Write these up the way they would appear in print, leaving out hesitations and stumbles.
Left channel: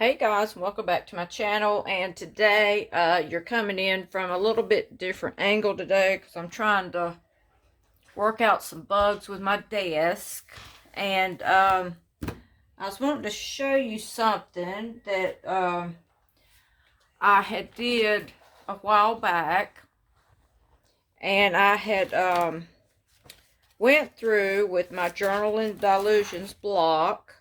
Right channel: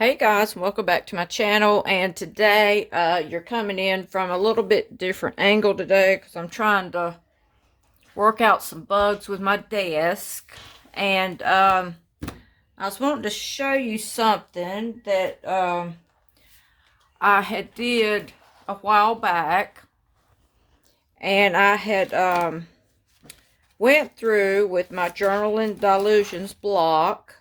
Hey guys, welcome back to my channel. And today you're coming in from a little bit different angle today because I'm trying to work out some bugs with my desk. And I was wanting to show you something that I had did a while back. And I had went through with my Journaling Delusions block.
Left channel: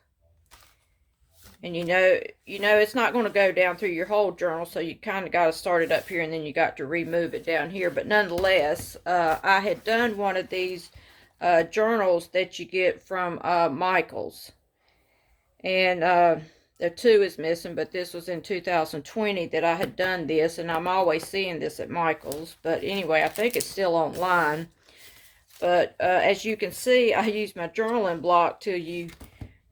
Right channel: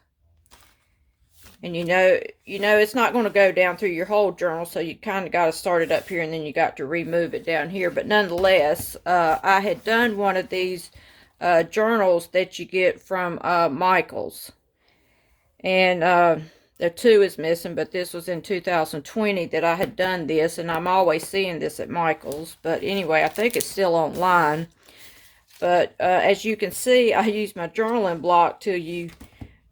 And you know it's not going to go down through your whole journal, so you kind of got to start it up here and then you got to remove it down here. But nonetheless, I had done one of these journals that you get from Michaels. And the 2 is missing, but this was in 2020 that I had done this, and I'm always seeing this at Michaels. But anyway, I think it's still online. But as you can see, I used my journaling block till you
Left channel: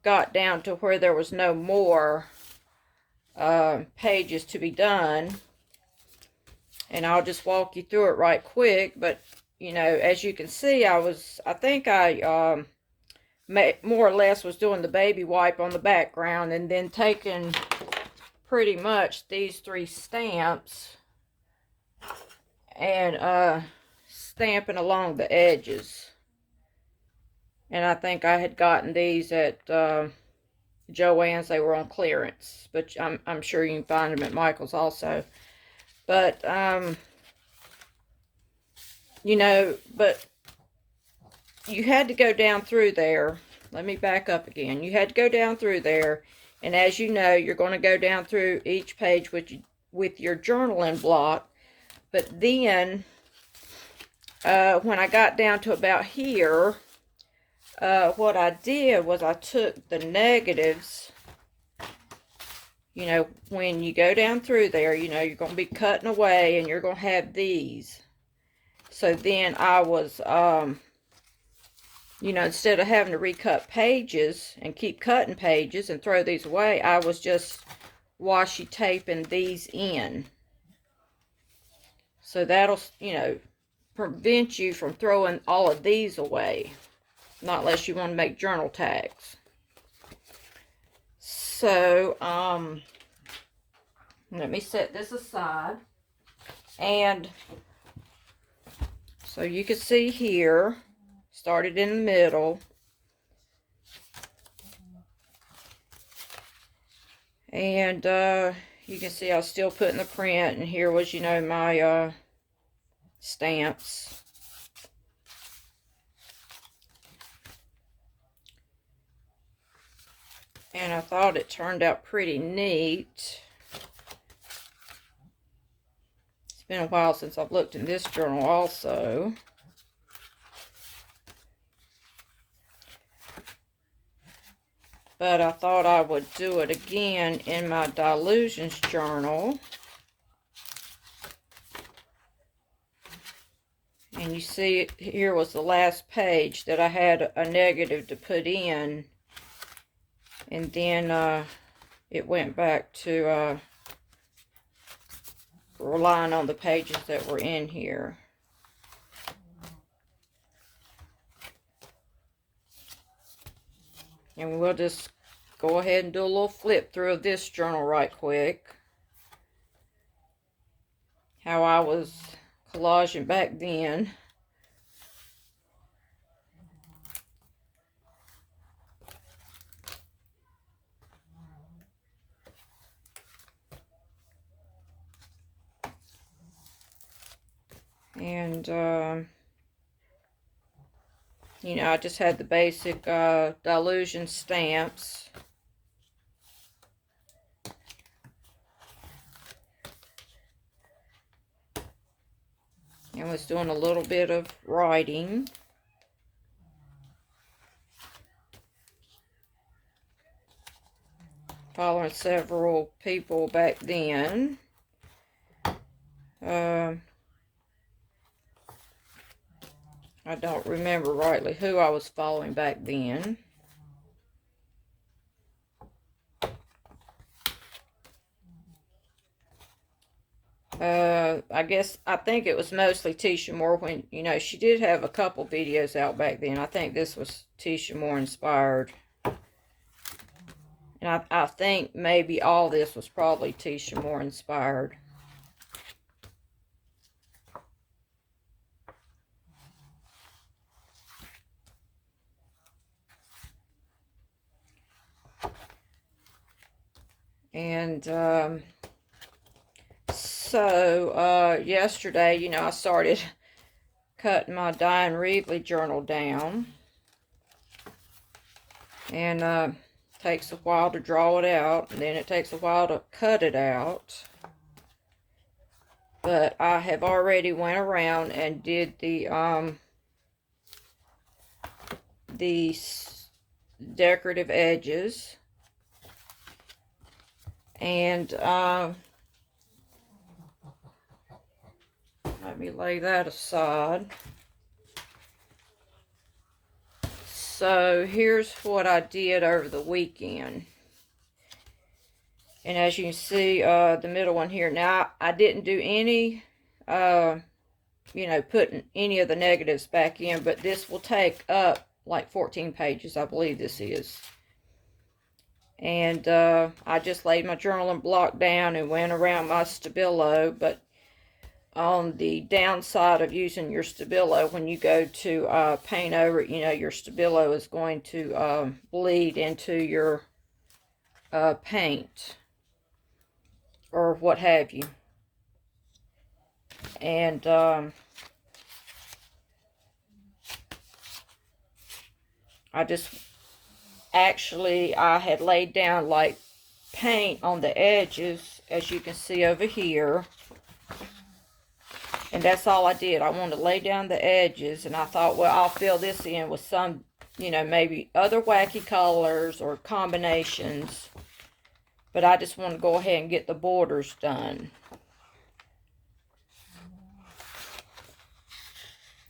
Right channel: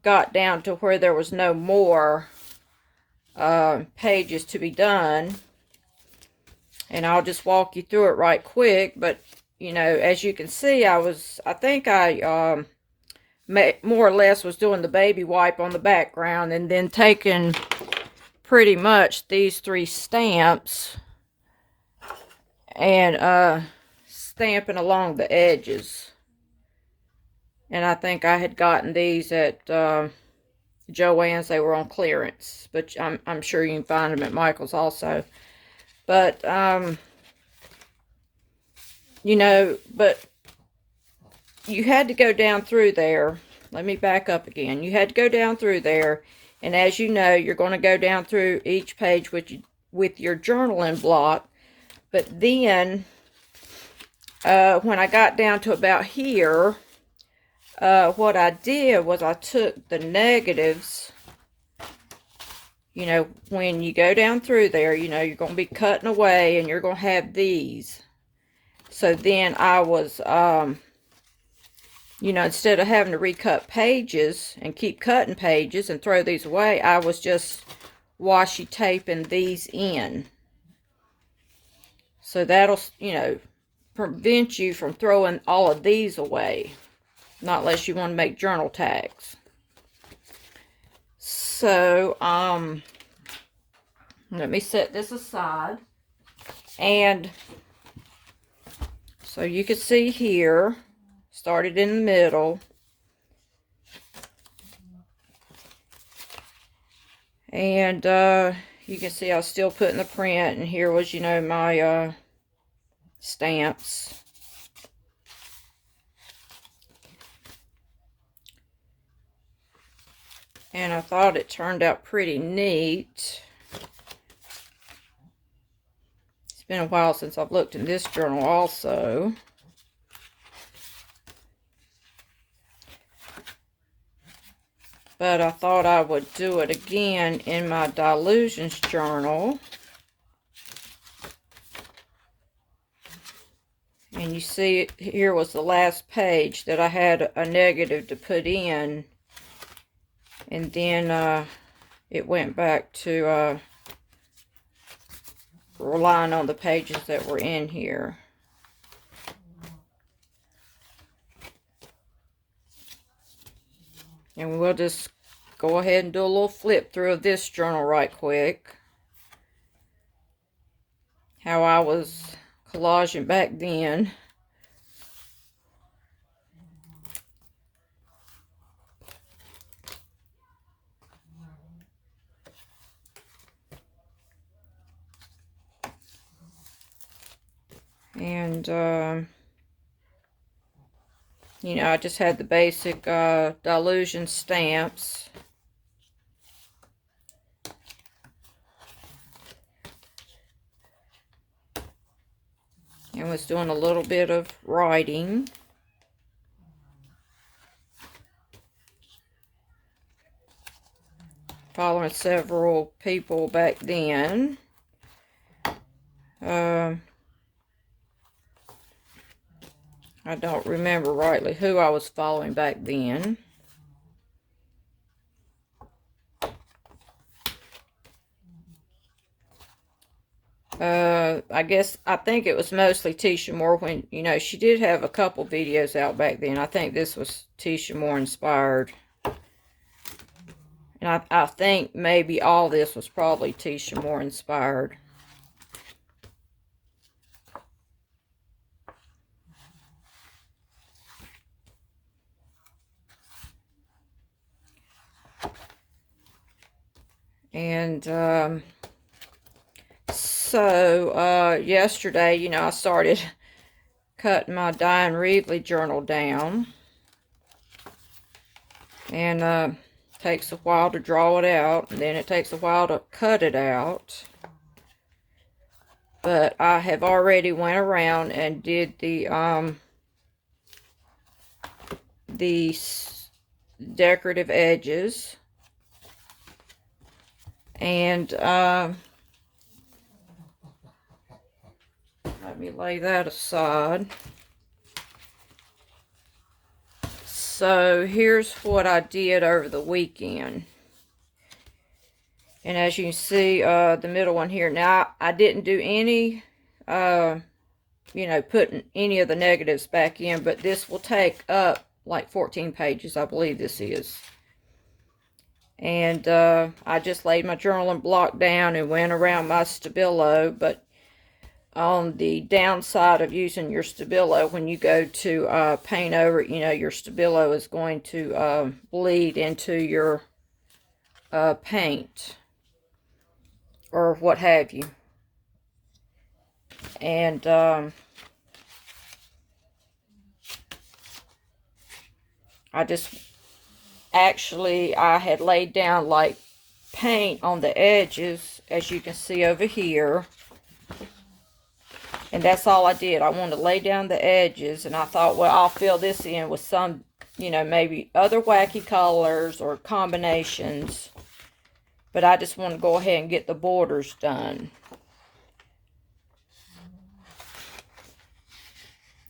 got down to where there was no more pages to be done, and I'll just walk you through it right quick. But you know, as you can see, I think I more or less was doing the baby wipe on the background and then taking pretty much these 3 stamps and stamping along the edges. And I think I had gotten these at Joann's. They were on clearance, but I'm sure you can find them at Michael's also. But you know, but you had to go down through there. Let me back up again. You had to go down through there, and as you know, you're going to go down through each page with your journaling block. But then when I got down to about here, what I did was I took the negatives. You know, when you go down through there, you know, you're going to be cutting away and you're going to have these. So then I was, you know, instead of having to recut pages and keep cutting pages and throw these away, I was just washi taping these in. So that'll, you know, prevent you from throwing all of these away. Not unless you want to make journal tags. So, let me set this aside. And so you can see here, started in the middle. And you can see I was still putting the print. And here was, you know, my stamps. And I thought it turned out pretty neat. It's been a while since I've looked in this journal also. But I thought I would do it again in my Delusions journal. And you see, here was the last page that I had a negative to put in. And then it went back to relying on the pages that were in here. And we'll just go ahead and do a little flip through of this journal right quick. How I was collaging back then. And, you know, I just had the basic Delusion stamps. And was doing a little bit of writing. Following several people back then. I don't remember rightly who I was following back then. I think it was mostly Tisha Moore when, you know, she did have a couple videos out back then. I think this was Tisha Moore inspired. And I think maybe all this was probably Tisha Moore inspired. And so yesterday, you know, I started cutting my Diane Reevely journal down. And takes a while to draw it out, and then it takes a while to cut it out. But I have already went around and did the decorative edges. And let me lay that aside. So here's what I did over the weekend. And as you can see, the middle one here. Now, I didn't do any, you know, putting any of the negatives back in, but this will take up like 14 pages, I believe this is. And I just laid my journaling block down and went around my Stabilo, but on the downside of using your Stabilo, when you go to paint over it, you know, your Stabilo is going to bleed into your paint or what have you. And I just actually, I had laid down like paint on the edges, as you can see over here. And that's all I did. I wanted to lay down the edges, and I thought, well, I'll fill this in with some, you know, maybe other wacky colors or combinations. But I just want to go ahead and get the borders done.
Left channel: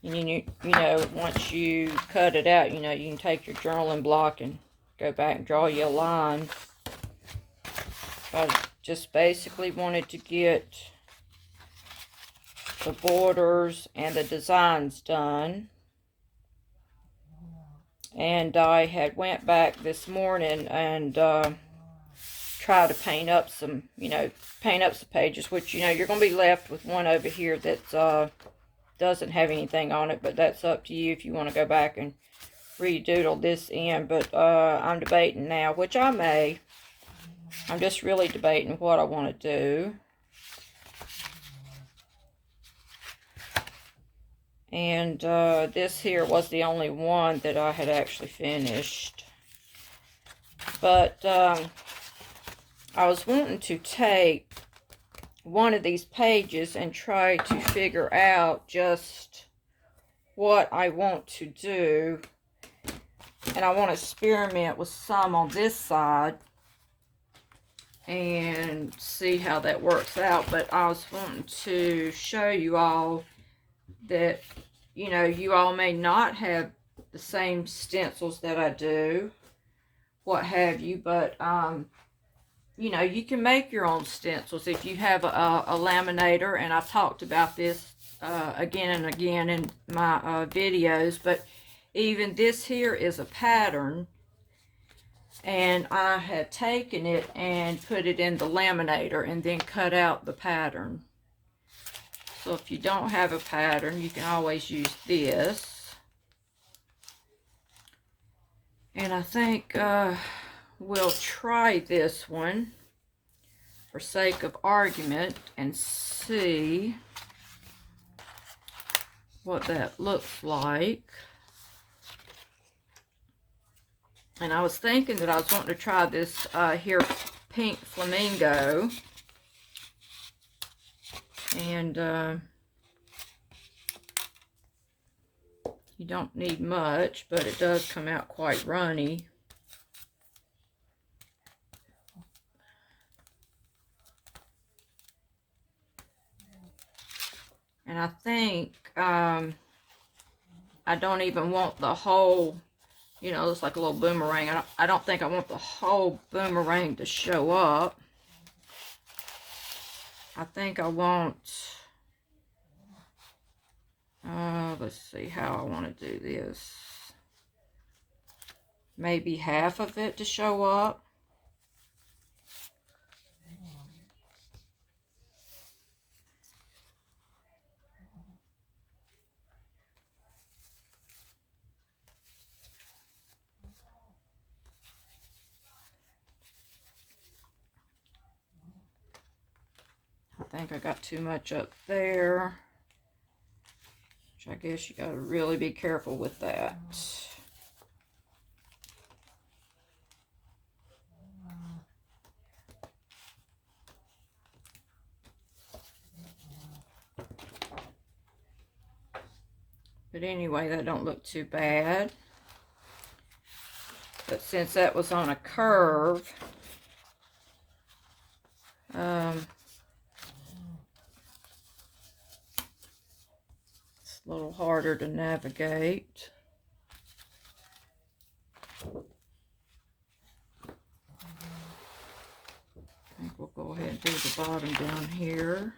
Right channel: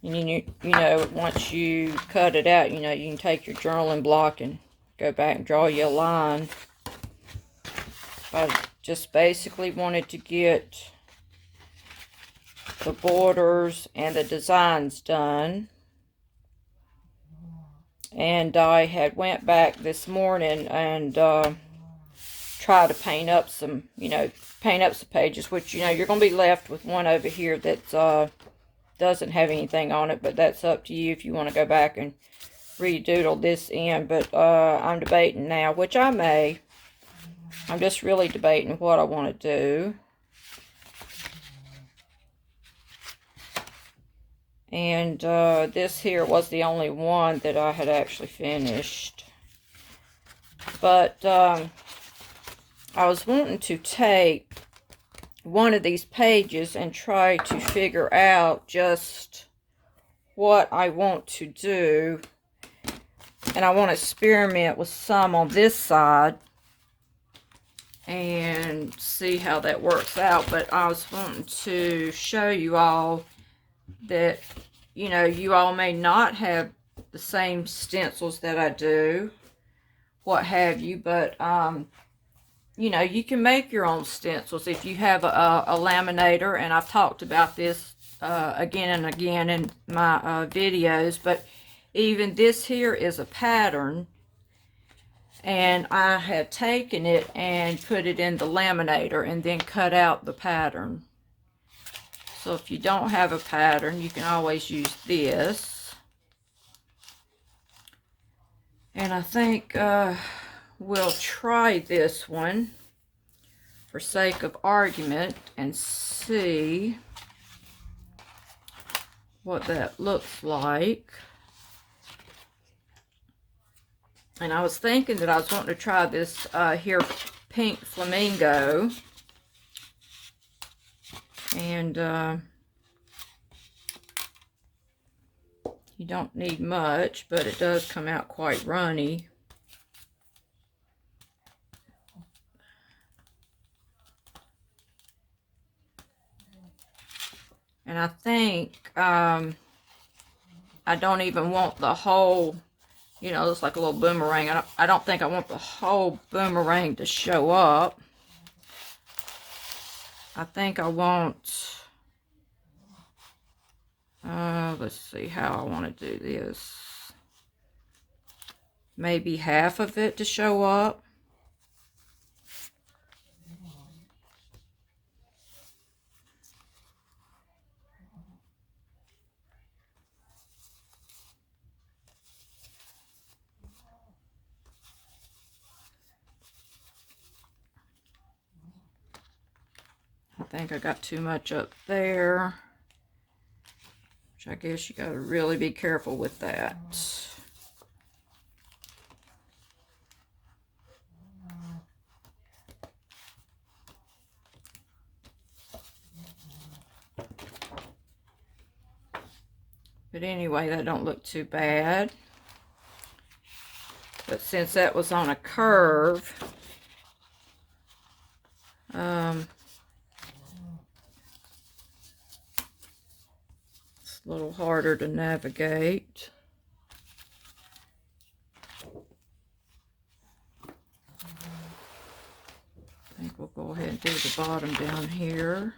And you know, once you cut it out, you know, you can take your journaling block and go back and draw you a line. I just basically wanted to get the borders and the designs done. And I had went back this morning and try to paint up some, you know, paint up some pages, which, you know, you're going to be left with one over here that doesn't have anything on it, but that's up to you if you want to go back and redoodle this in. But I'm debating now, which I may. I'm just really debating what I want to do. And this here was the only one that I had actually finished. But I was wanting to take one of these pages and try to figure out just what I want to do. And I want to experiment with some on this side and see how that works out. But I was wanting to show you all that, you know, you all may not have the same stencils that I do, what have you, but you know, you can make your own stencils if you have a laminator, and I've talked about this again and again in my videos. But even this here is a pattern, and I had taken it and put it in the laminator and then cut out the pattern. So if you don't have a pattern, you can always use this. And I think we'll try this one for sake of argument and see what that looks like. And I was thinking that I was wanting to try this here pink flamingo. And you don't need much, but it does come out quite runny. And I think I don't even want the whole, you know, it's like a little boomerang. I don't think I want the whole boomerang to show up. I think I want, let's see how I want to do this. Maybe half of it to show up. think I got too much up there, which I guess you got to really be careful with that. But anyway, that don't look too bad. But since that was on a curve, it's a little harder to navigate. I think we'll go ahead and do the bottom down here.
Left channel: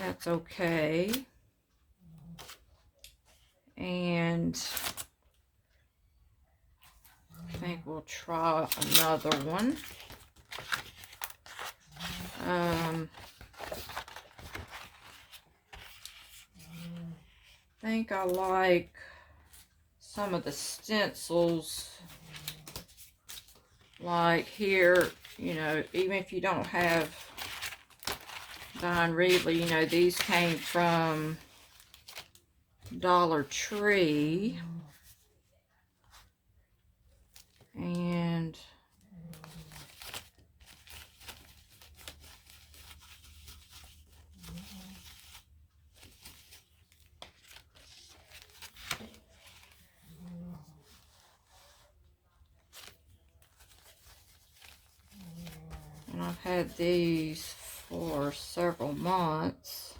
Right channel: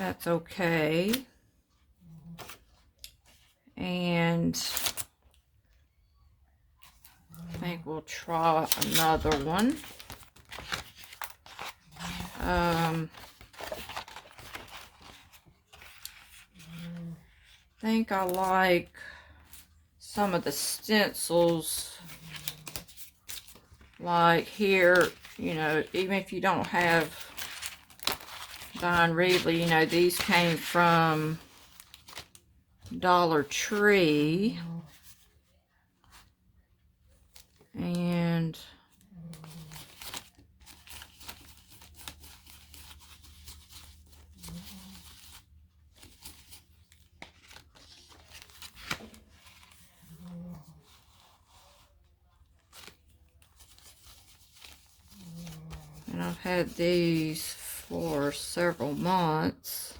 That's okay. And I think we'll try another one. I think I like some of the stencils, like here, you know, even if you don't have Don Reedley, you know, these came from Dollar Tree. And I've had these for several months.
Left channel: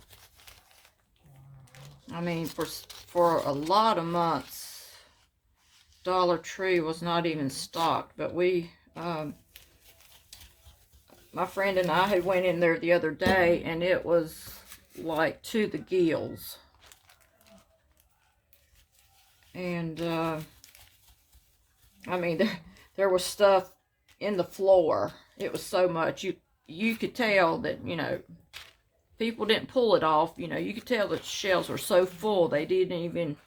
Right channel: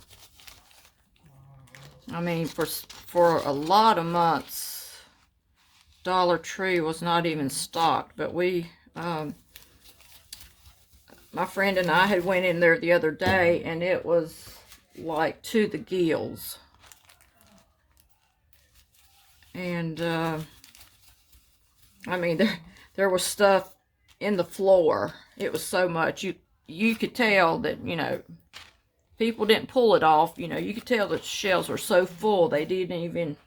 I mean, for a lot of months, Dollar Tree was not even stocked. But we, my friend and I had went in there the other day, and it was like to the gills. And I mean, there was stuff in the floor. It was so much. You could tell that, you know, people didn't pull it off. You know, you could tell that the shelves were so full they didn't even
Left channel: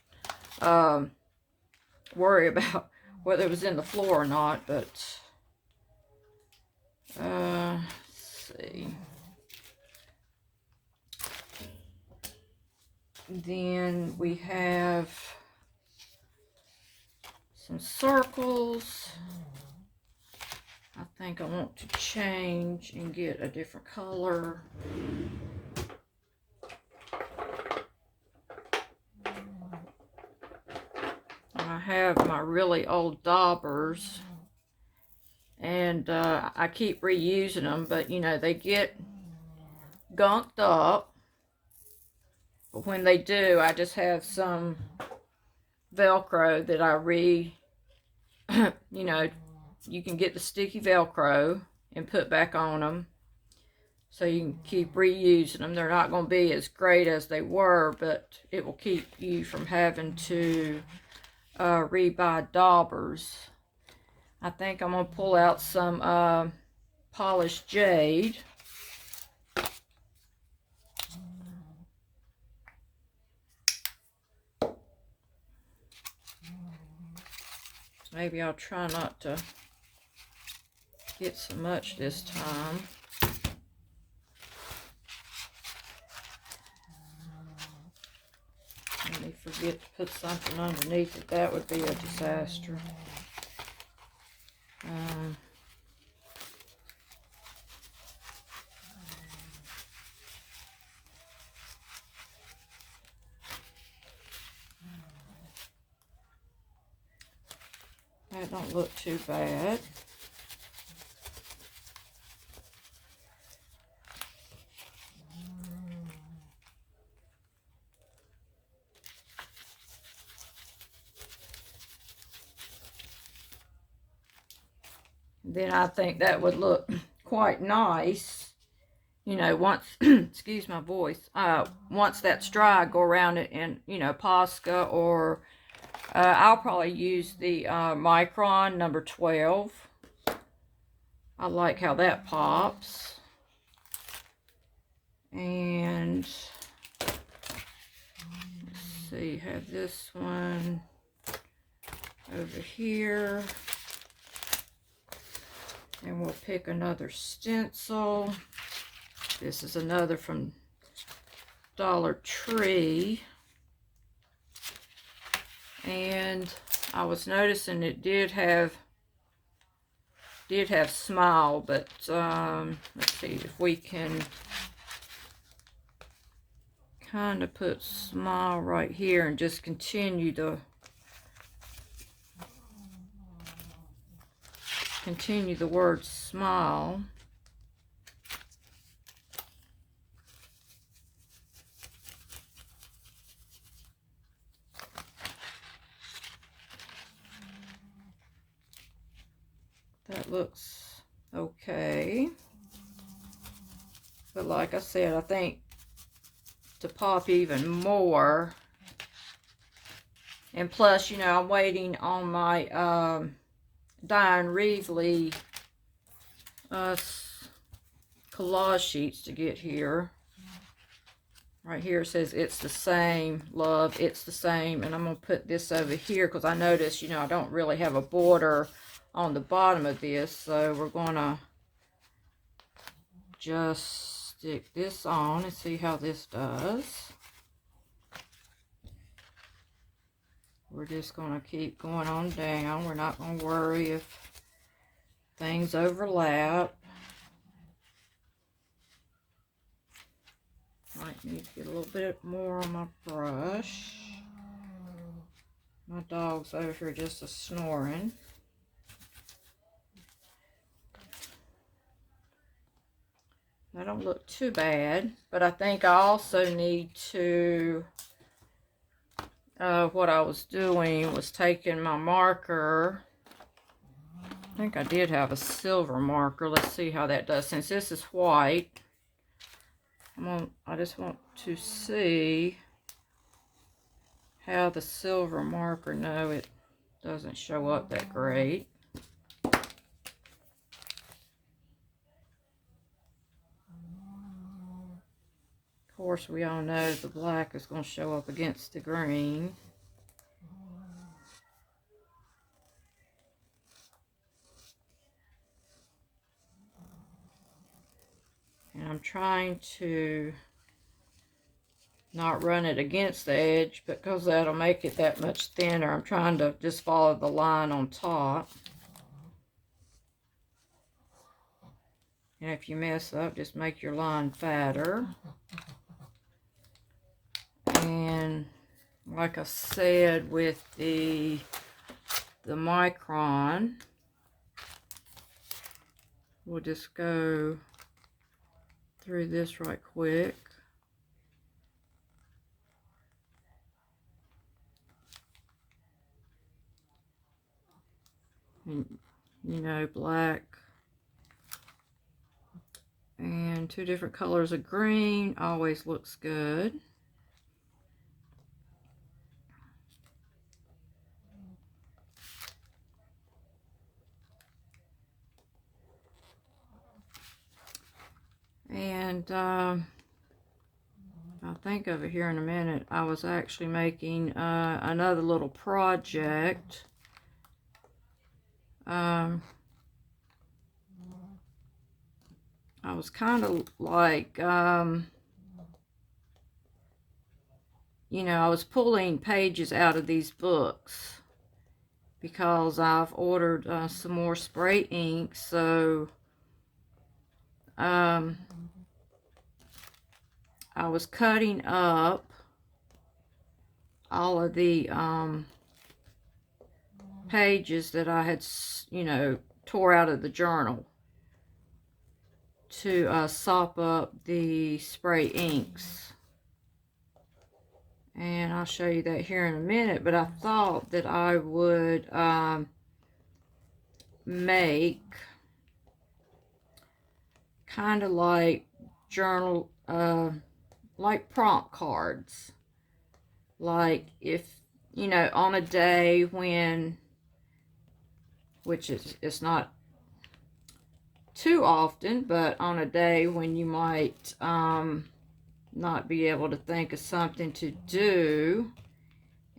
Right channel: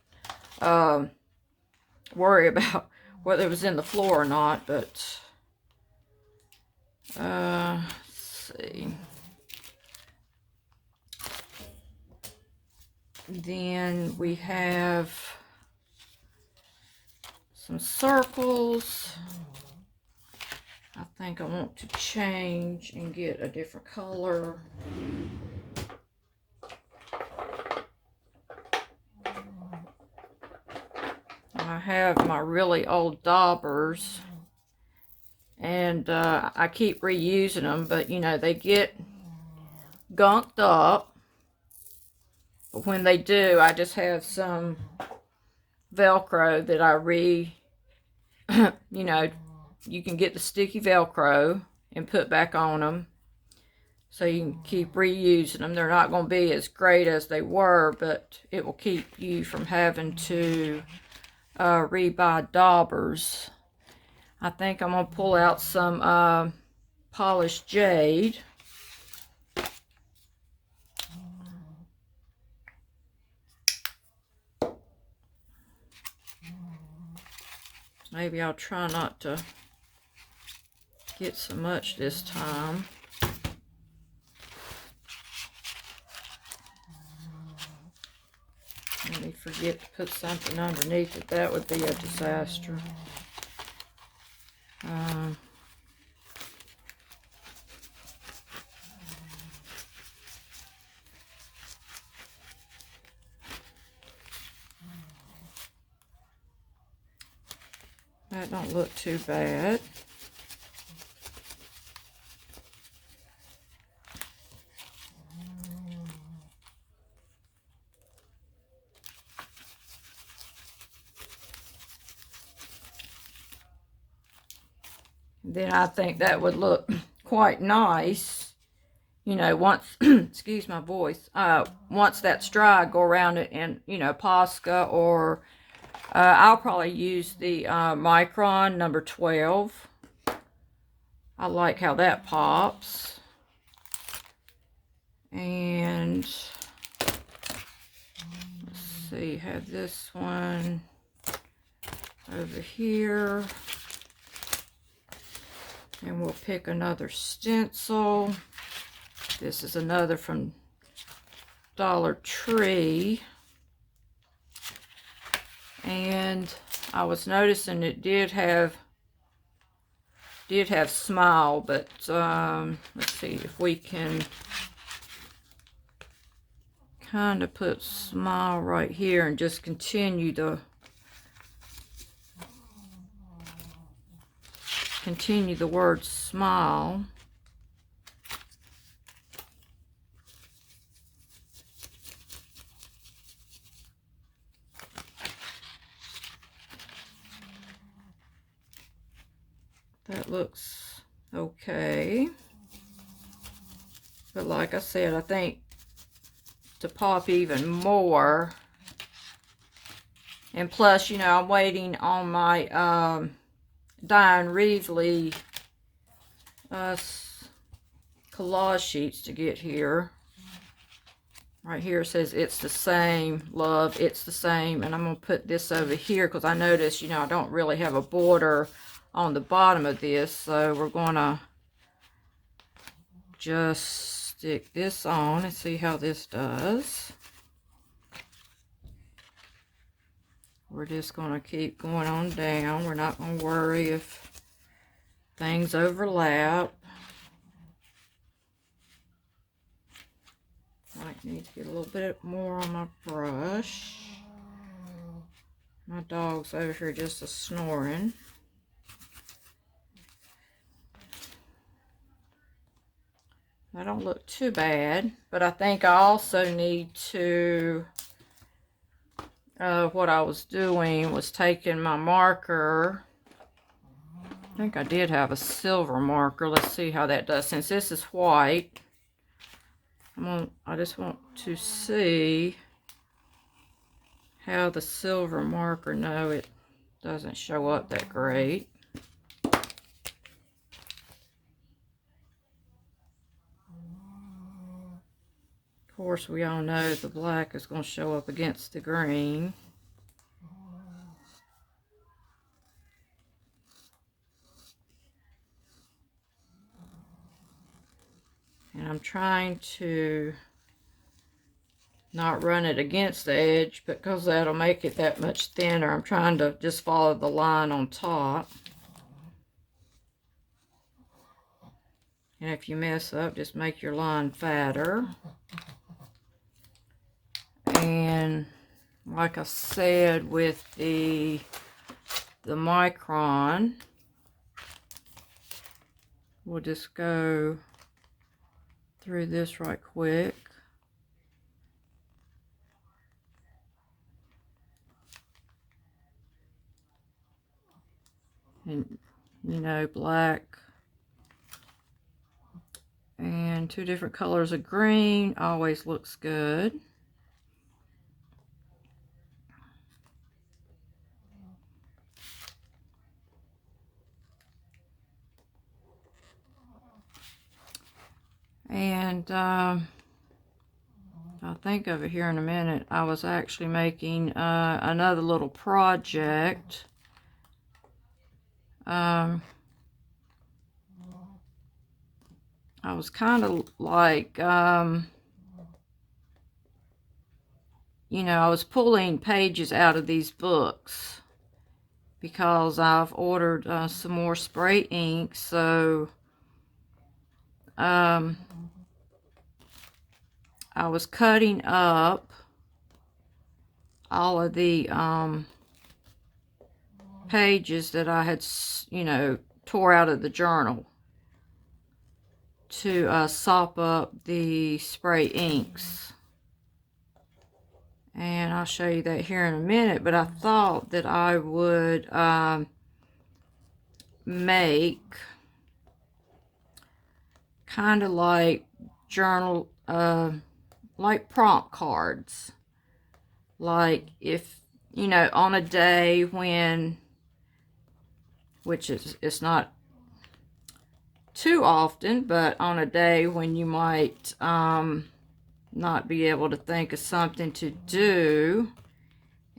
worry about whether it was in the floor or not. But let's see. Then we have some circles. I think I want to change and get a different color. I have my really old daubers, and I keep reusing them, but you know, they get gunked up. But when they do, I just have some Velcro that I you know, you can get the sticky Velcro and put back on them, so you can keep reusing them. They're not going to be as great as they were, but it will keep you from having to rebuy daubers. I think I'm going to pull out some polished jade. Maybe I'll try not to get so much this time. Let me forget to put something underneath it. That would be a disaster. That don't look too bad. Then I think that would look quite nice, you know, once, excuse my voice, once that's dry, go around it in, you know, Posca, or I'll probably use the Micron number 12. I like how that pops. And let's see, have this one over here. And we'll pick another stencil. This is another from Dollar Tree. And I was noticing it did have smile, but let's see if we can kind of put smile right here and just continue the word smile. That looks okay. But like I said, I think to pop even more, and plus, you know, I'm waiting on my Diane Reevely collage sheets to get here. Right here it says it's the same, love, it's the same. And I'm going to put this over here because I noticed, you know, I don't really have a border on the bottom of this. So we're going to just stick this on and see how this does. We're just going to keep going on down. We're not going to worry if things overlap. Might need to get a little bit more on my brush. My dog's over here just snoring. That don't look too bad, but I think I also need to, what I was doing was taking my marker. I think I did have a silver marker. Let's see how that does. Since this is white, I just want to see how the silver marker, no, it doesn't show up that great. Of course, we all know the black is going to show up against the green. And I'm trying to not run it against the edge because that'll make it that much thinner. I'm trying to just follow the line on top. And if you mess up, just make your line fatter. And like I said, with the micron, we'll just go through this right quick. And, you know, black and 2 different colors of green always looks good. And I'll think of it here in a minute. I was actually making another little project. I was kind of like, you know, I was pulling pages out of these books because I've ordered some more spray ink. So I was cutting up all of the pages that I had, you know, tore out of the journal to sop up the spray inks. And I'll show you that here in a minute, but I thought that I would make kind of like journal, like prompt cards. Like if, you know, on a day when, which is, it's not too often, but on a day when you might not be able to think of something to do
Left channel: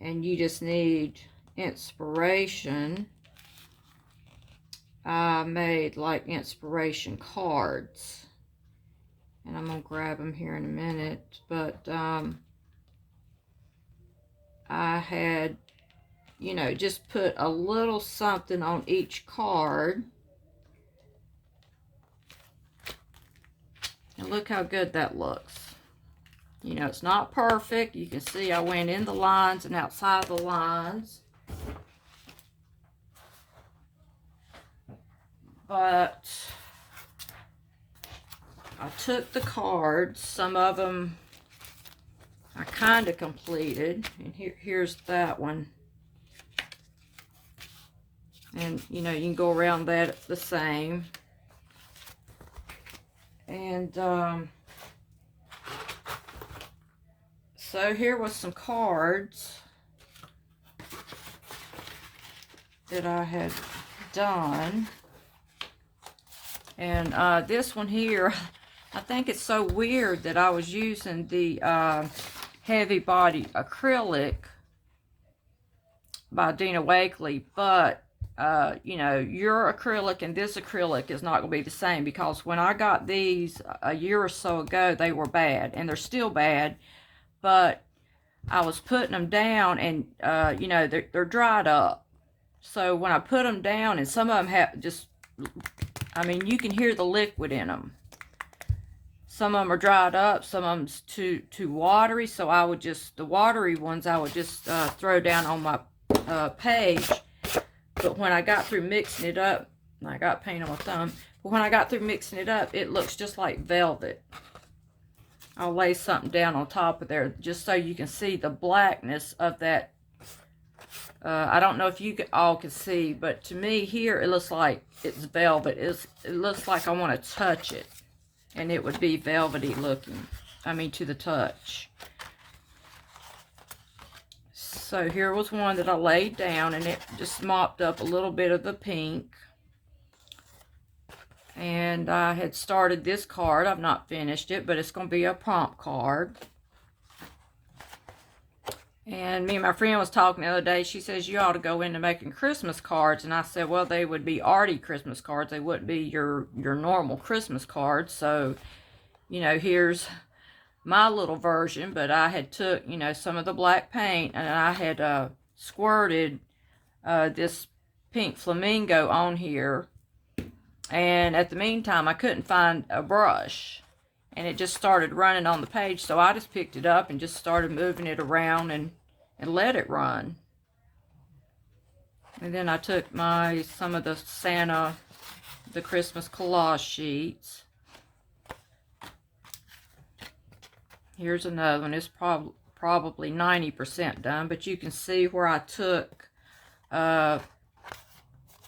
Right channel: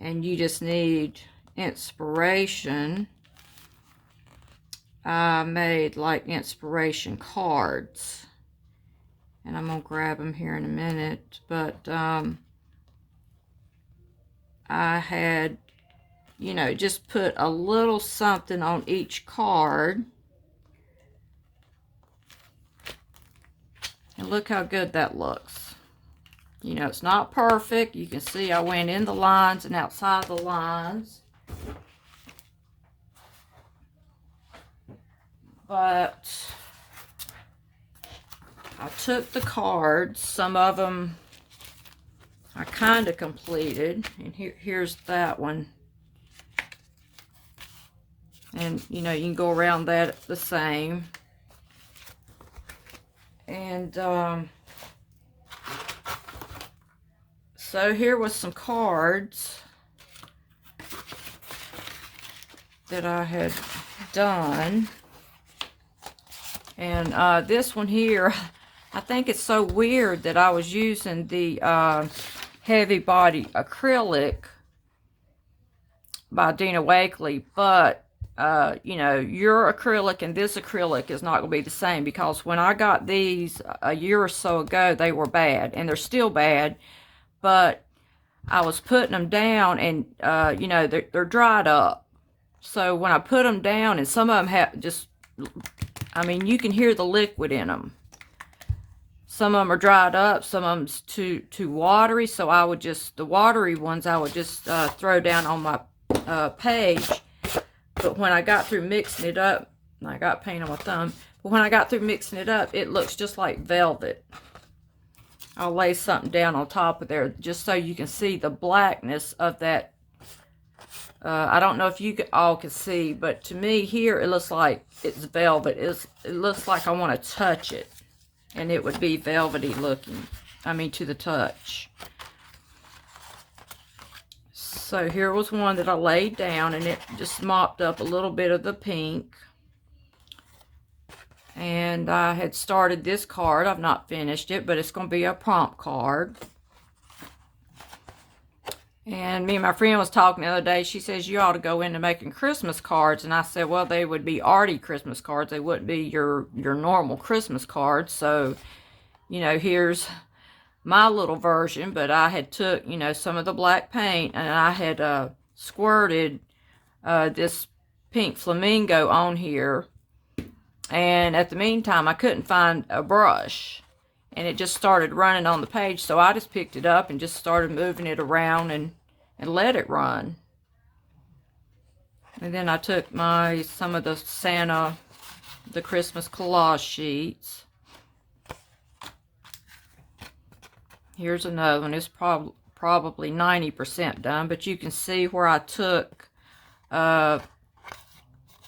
and you just need inspiration, I made like inspiration cards. And I'm going to grab them here in a minute. But I had, you know, just put a little something on each card. And look how good that looks. You know, it's not perfect. You can see I went in the lines and outside the lines. But I took the cards. Some of them I kind of completed. And here's that one. And, you know, you can go around that the same. And, so here was some cards that I had done. And this one here, I think it's so weird that I was using the Heavy Body Acrylic by Dina Wakley, but you know, your acrylic and this acrylic is not going to be the same, because when I got these a year or so ago, they were bad, and they're still bad, but I was putting them down, and you know, they're dried up. So when I put them down, and some of them have just, I mean, you can hear the liquid in them. Some of them are dried up, some of them's too watery, so I would just, the watery ones I would just throw down on my page. But when I got through mixing it up, and I got paint on my thumb, but when I got through mixing it up, it looks just like velvet. I'll lay something down on top of there just so you can see the blackness of that. I don't know if you all can see, but to me here, it looks like it's velvet. It looks like I want to touch it, and it would be velvety looking. I mean, to the touch. So here was one that I laid down, and it just mopped up a little bit of the pink. And I had started this card. I've not finished it, but it's going to be a prompt card. And me and my friend was talking the other day. She says, you ought to go into making Christmas cards. And I said, well, they would be arty Christmas cards. They wouldn't be your normal Christmas cards. So, you know, here's my little version. But I had took, you know, some of the black paint, and I had squirted this pink flamingo on here. And at the meantime, I couldn't find a brush, and it just started running on the page. So I just picked it up and just started moving it around and let it run. And then I took some of the Santa, the Christmas collage sheets. Here's another one. It's probably 90% done, but you can see where I took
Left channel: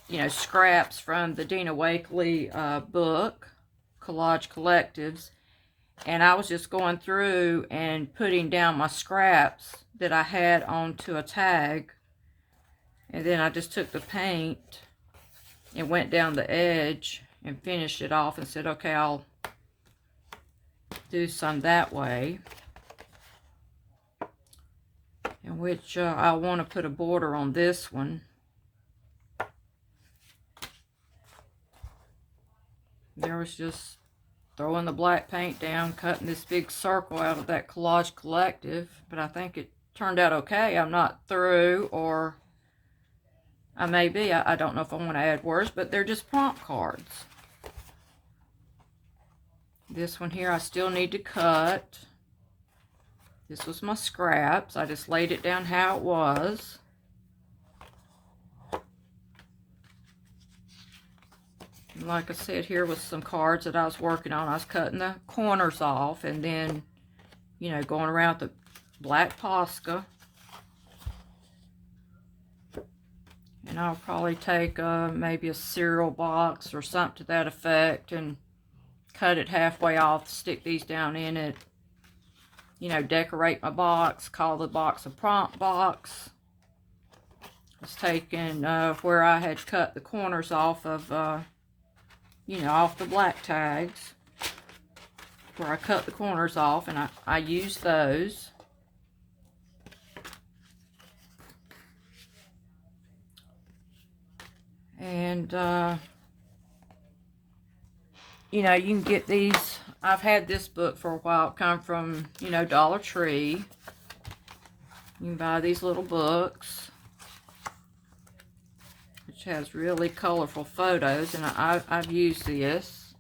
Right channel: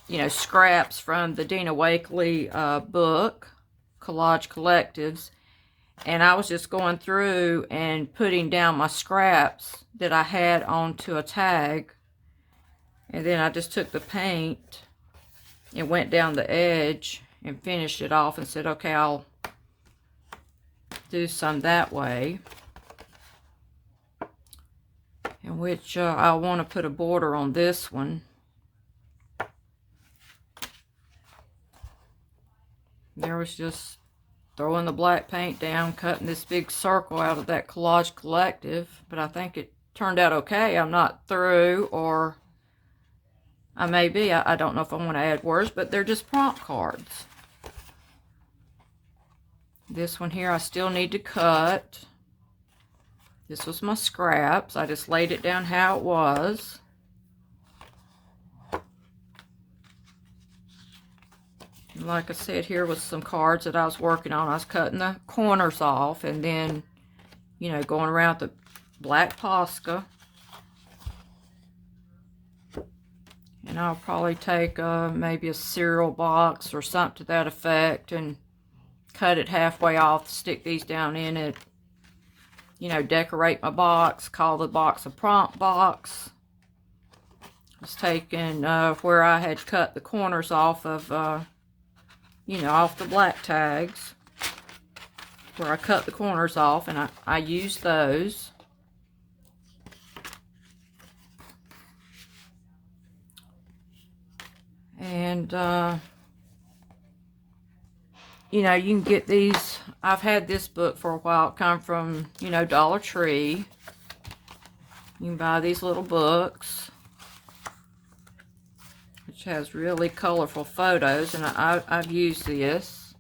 you know, scraps from the Dina Wakley book, Collage Collectives, and I was just going through and putting down my scraps that I had onto a tag, and then I just took the paint and went down the edge and finished it off and said, okay, I'll do some that way, in which I want to put a border on this one. There was just throwing the black paint down, cutting this big circle out of that Collage Collective, but I think it turned out okay. I'm not through, or I may be. I don't know if I want to add words, but they're just prompt cards. This one here I still need to cut. This was my scraps. I just laid it down how it was. Like I said, here was some cards that I was working on. I was cutting the corners off, and then, you know, going around the black Posca. And I'll probably take maybe a cereal box or something to that effect and cut it halfway off, stick these down in it, you know, decorate my box, call the box a prompt box. I was taking where I had cut the corners off of, you know, off the black tags. where I cut the corners off, and I use those. And, you know, you can get these. I've had this book for a while. It come from, you know, Dollar Tree. You can buy these little books, which has really colorful photos, and I've used this.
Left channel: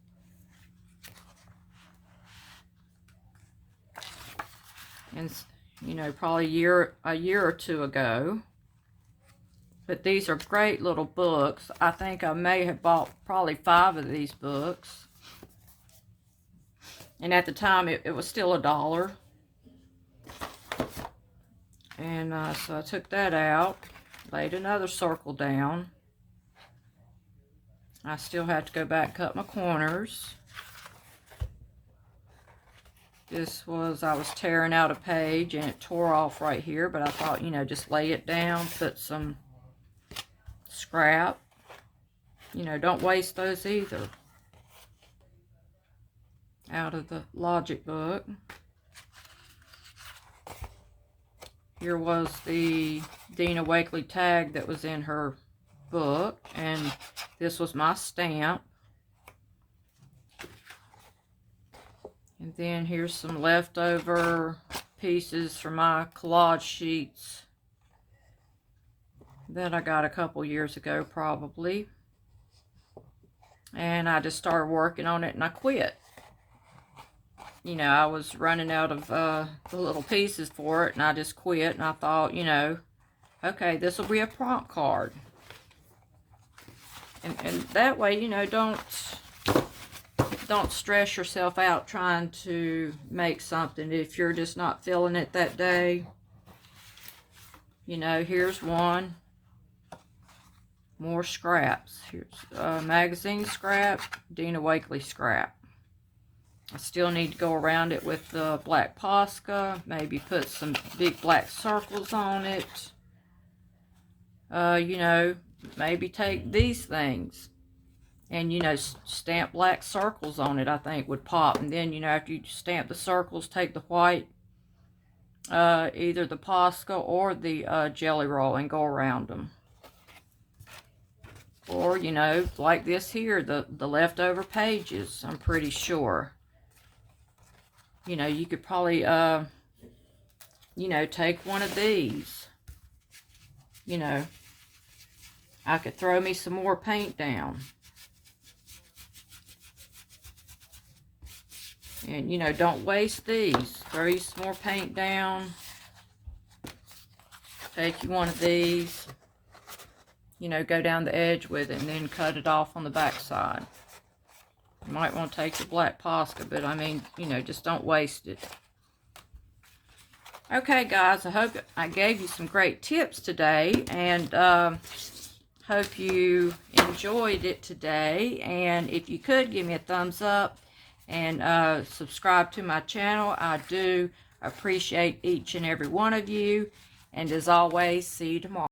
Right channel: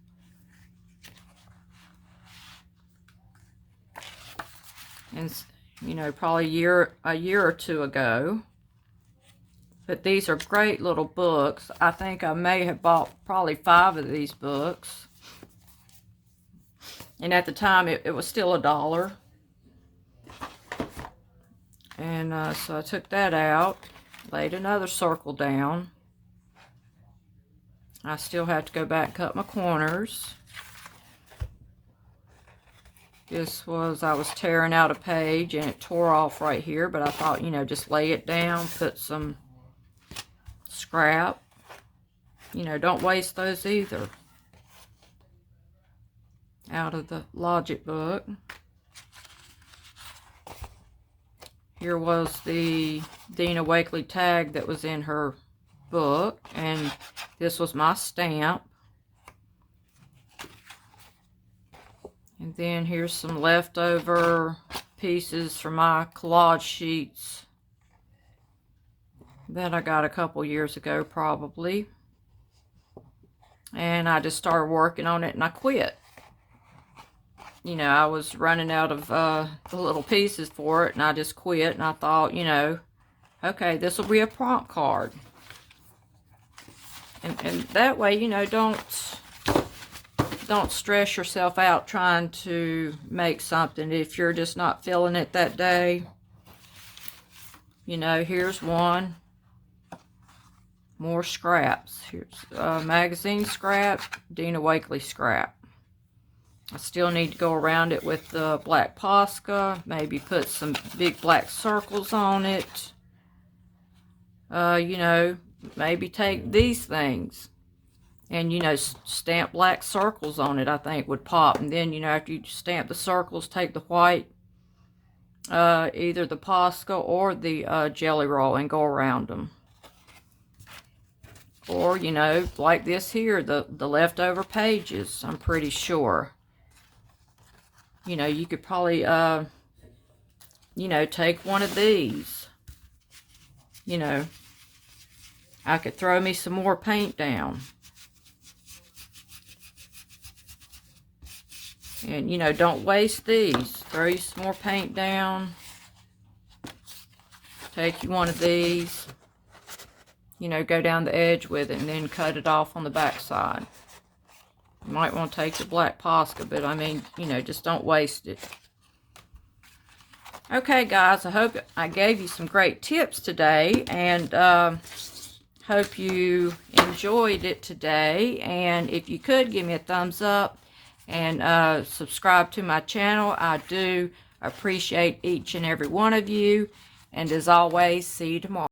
And, you know, probably a year or two ago. But these are great little books. I think I may have bought probably 5 of these books. And at the time, it was still $1. And so I took that out, laid another circle down. I still have to go back and cut my corners. This was, I was tearing out a page and it tore off right here, but I thought, you know, just lay it down, put some scrap. You know, don't waste those either. Out of the Logic book. Here was the Dina Wakley tag that was in her book, and this was my stamp. And then here's some leftover pieces from my collage sheets that I got a couple years ago probably. And I just started working on it and I quit. You know, I was running out of the little pieces for it, and I just quit. And I thought, you know, okay, this will be a prompt card. And that way, you know, don't stress yourself out trying to make something if you're just not feeling it that day. You know, here's one. More scraps. Here's magazine scrap, Dina Wakley scrap. I still need to go around it with the black Posca. Maybe put some big black circles on it. You know, maybe take these things and, you know, stamp black circles on it, I think would pop. And then, you know, after you stamp the circles, take the white, either the Posca or the Jelly Roll, and go around them. Or, you know, like this here, the leftover pages, I'm pretty sure. You know, you could probably, you know, take one of these. You know, I could throw me some more paint down. And, you know, don't waste these. Throw you some more paint down. Take you one of these. You know, go down the edge with it and then cut it off on the back side. You might want to take your black Posca, but I mean, you know, just don't waste it. Okay, guys, I hope I gave you some great tips today, and hope you enjoyed it today. And if you could, give me a thumbs up and subscribe to my channel. I do appreciate each and every one of you. And as always, see you tomorrow.